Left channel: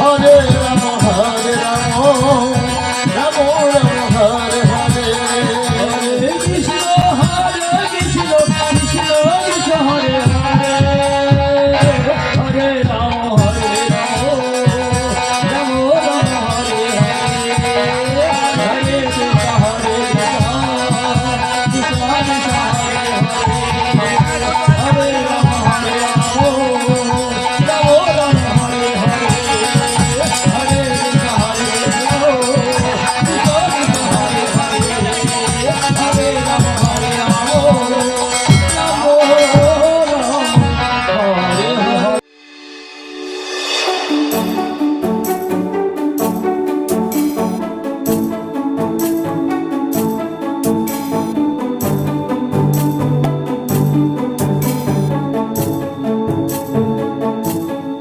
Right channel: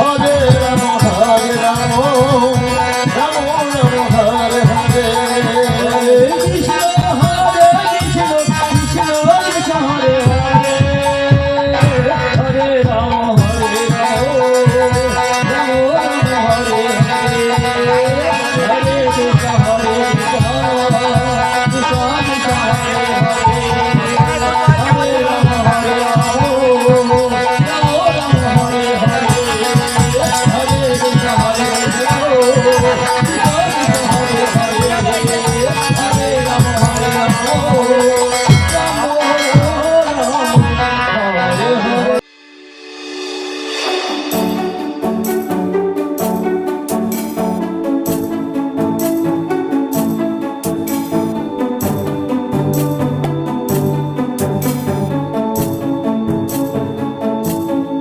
ও